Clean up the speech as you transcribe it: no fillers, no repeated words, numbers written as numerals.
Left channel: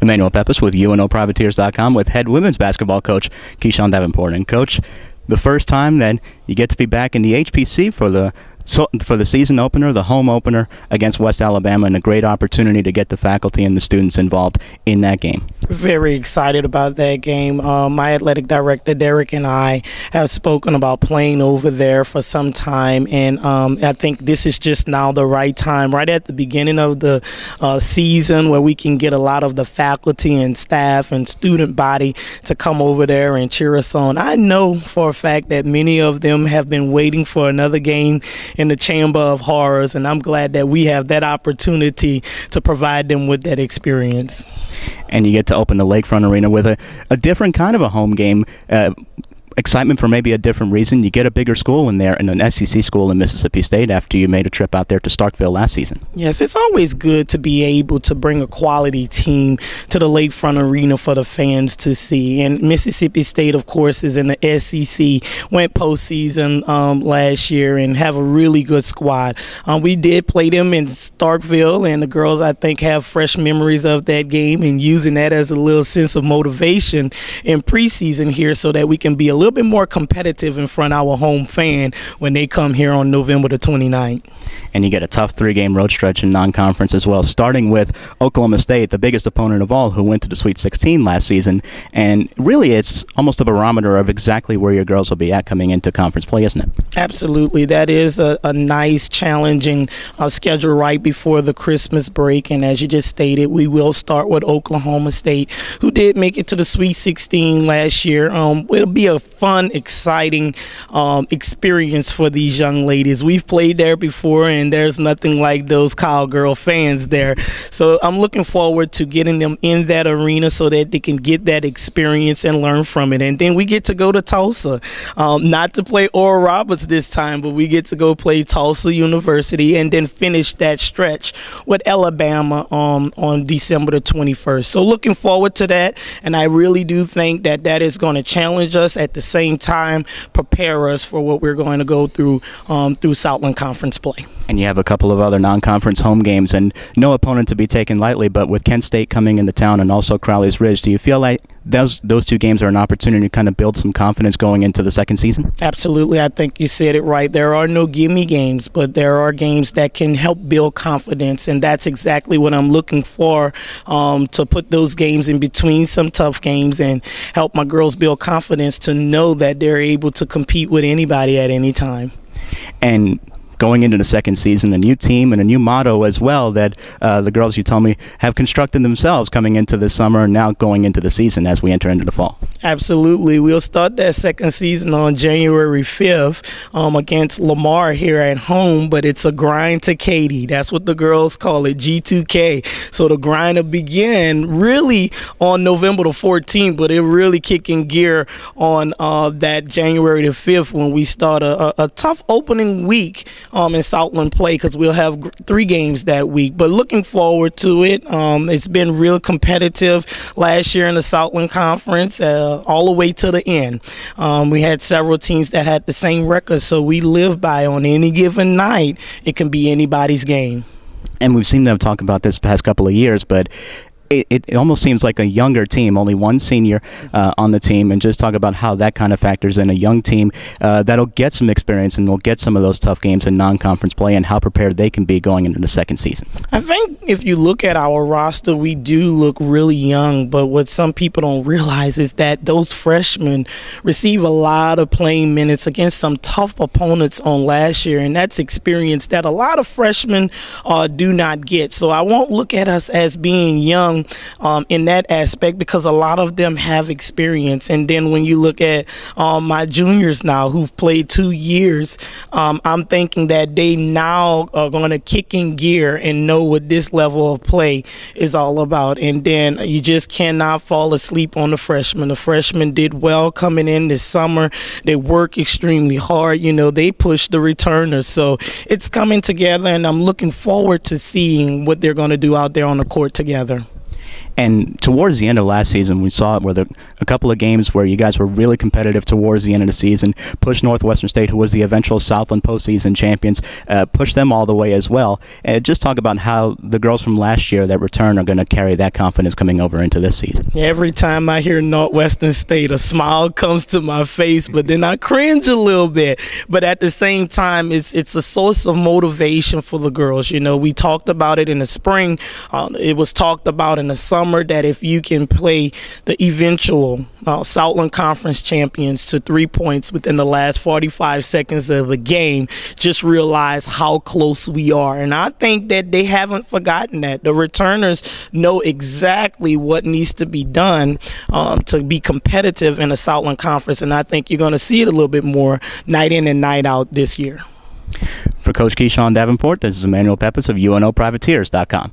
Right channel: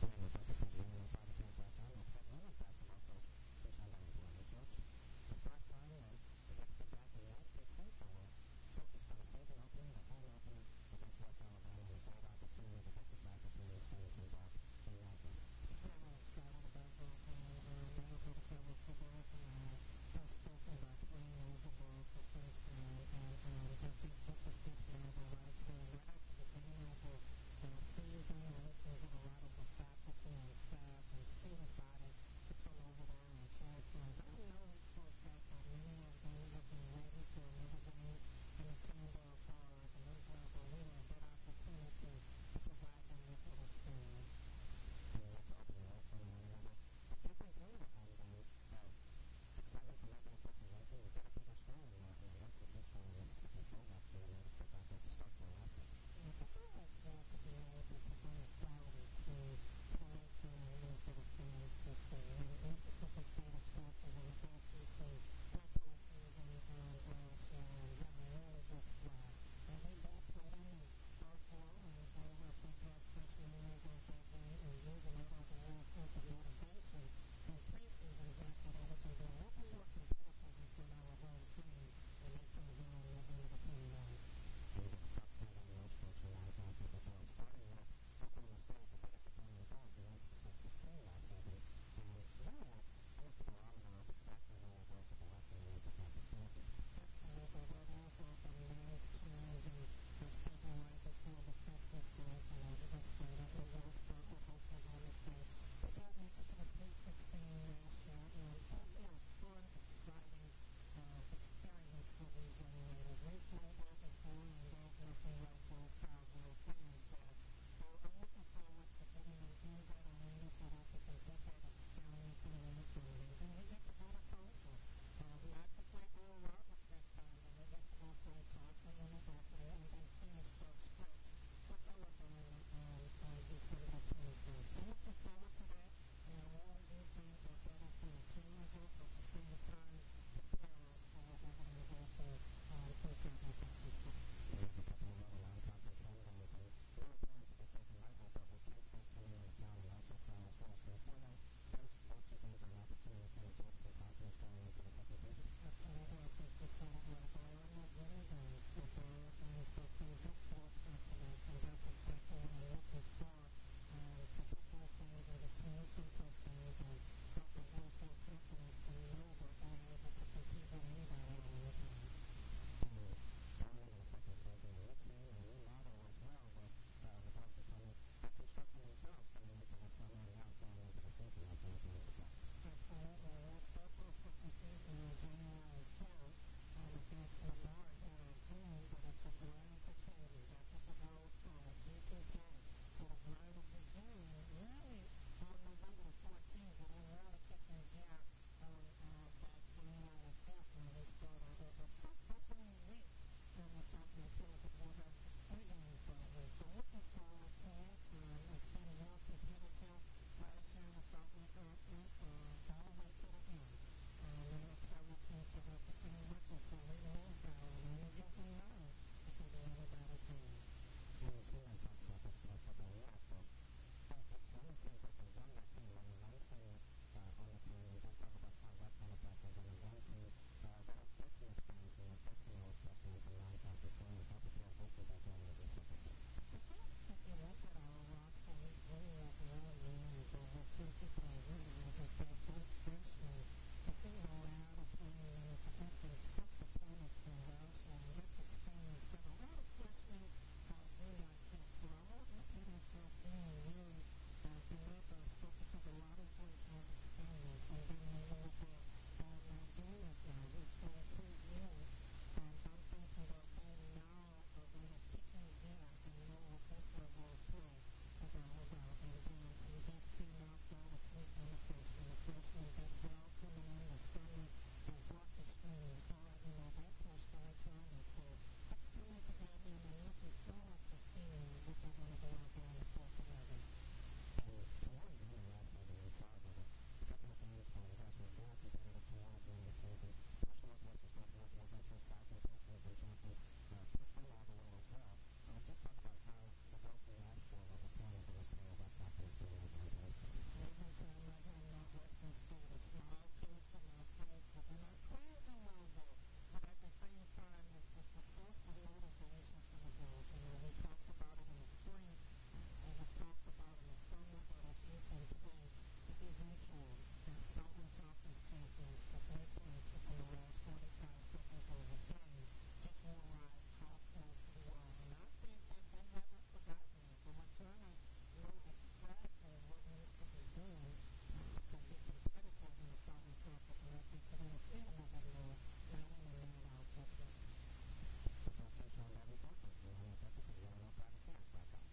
Emmanuel Pepis with UNOprivateers.com with head women's basketball coach Keeshawn Davenport. And coach, the first time that you get to be back in the HPC for the season opener, the home opener against West Alabama, and a great opportunity to get the faculty and the students involved in that game. Very excited about that game. My athletic director, Derek, and I have spoken about playing over there for some time, and I think this is just now the right time, right at the beginning of the season, where we can get a lot of the faculty and staff and student body to come over there and cheer us on. I know for a fact that many of them have been waiting for another game in the Chamber of Horrors, and I'm glad that we have that opportunity to provide them with that experience. And you get to open the Lakefront Arena with a different kind of a home game. Excitement for maybe a different reason. You get a bigger school in there, and an SEC school in Mississippi State after you made a trip out there to Starkville last season. Yes, it's always good to be able to bring a quality team to the Lakefront Arena for the fans to see. And Mississippi State, of course, is in the SEC, went postseason last year and have a really good squad. We did play them in Starkville, and the girls, I think, have fresh memories of that game and using that as a little sense of motivation in preseason here so that we can be a little bit more competitive in front of our home fan when they come here on November the 29th. And you get a tough three-game road stretch in non-conference as well, starting with Oklahoma State, the biggest opponent of all, who went to the Sweet 16 last season. And really, it's almost a barometer of exactly where your girls will be at coming into conference play, isn't it? Absolutely. That is a nice, challenging schedule right before the Christmas break. And as you just stated, we will start with Oklahoma State, who did make it to the Sweet 16 last year. It'll be a fun, exciting experience for these young ladies. We've played there before, and there's nothing like those Cowgirl fans there. So I'm looking forward to getting them in that arena so that they can get that experience and learn from it. And then we get to go to Tulsa, not to play Oral Roberts this time, but we get to go play Tulsa University and then finish that stretch with Alabama on December the 21st. So looking forward to that, and I really do think that that is going to challenge us, at the same time prepare us for what we're going to go through Southland Conference play. And you have a couple of other non-conference home games, and no opponent to be taken lightly, but with Kent State coming into town and also Crowley's Ridge, do you feel like those two games are an opportunity to kind of build some confidence going into the second season? Absolutely. I think you said it right. There are no gimme games, but there are games that can help build confidence, and that's exactly what I'm looking for, to put those games in between some tough games and help my girls build confidence to know that they're able to compete with anybody at any time. And going into the second season, a new team and a new motto as well that the girls, you told me, have constructed themselves coming into the summer and now going into the season as we enter into the fall. Absolutely. We'll start that second season on January 5th against Lamar here at home, but it's a grind to Katy. That's what the girls call it, G2K. So the grind will begin really on November the 14th, but it really kick in gear on that January the 5th when we start a tough opening week in Southland play, because we'll have 3 games that week. But looking forward to it. It's been real competitive last year in the Southland Conference, all the way to the end. We had several teams that had the same record, so we live by on any given night, it can be anybody's game. And we've seen them talk about this past couple of years, but it almost seems like a younger team, only one senior on the team, and just talk about how that kind of factors in a young team that'll get some experience and will get some of those tough games in non-conference play, and how prepared they can be going into the second season. I think if you look at our roster, we do look really young, but what some people don't realize is that those freshmen receive a lot of playing minutes against some tough opponents on last year, and that's experience that a lot of freshmen do not get. So I won't look at us as being young in that aspect, because a lot of them have experience. And then when you look at my juniors now who've played 2 years, I'm thinking that they now are going to kick in gear and know what this level of play is all about. And then you just cannot fall asleep on the freshmen. The freshmen did well coming in this summer. They work extremely hard. You know, they push the returners. So it's coming together, and I'm looking forward to seeing what they're going to do out there on the court together. And towards the end of last season, we saw it where a couple of games where you guys were really competitive towards the end of the season, pushed Northwestern State, who was the eventual Southland postseason champions, pushed them all the way as well. And just talk about how the girls from last year that return are going to carry that confidence coming over into this season. Every time I hear Northwestern State, a smile comes to my face, but then I cringe a little bit. But at the same time, it's a source of motivation for the girls. You know, we talked about it in the spring. It was talked about in the summer that if you can play the eventual Southland Conference champions to 3 points within the last 45 seconds of a game, just realize how close we are. And I think that they haven't forgotten that. The returners know exactly what needs to be done to be competitive in the Southland Conference, and I think you're going to see it a little bit more night in and night out this year. For Coach Keeshawn Davenport, this is Emmanuel Pepis of UNOPrivateers.com.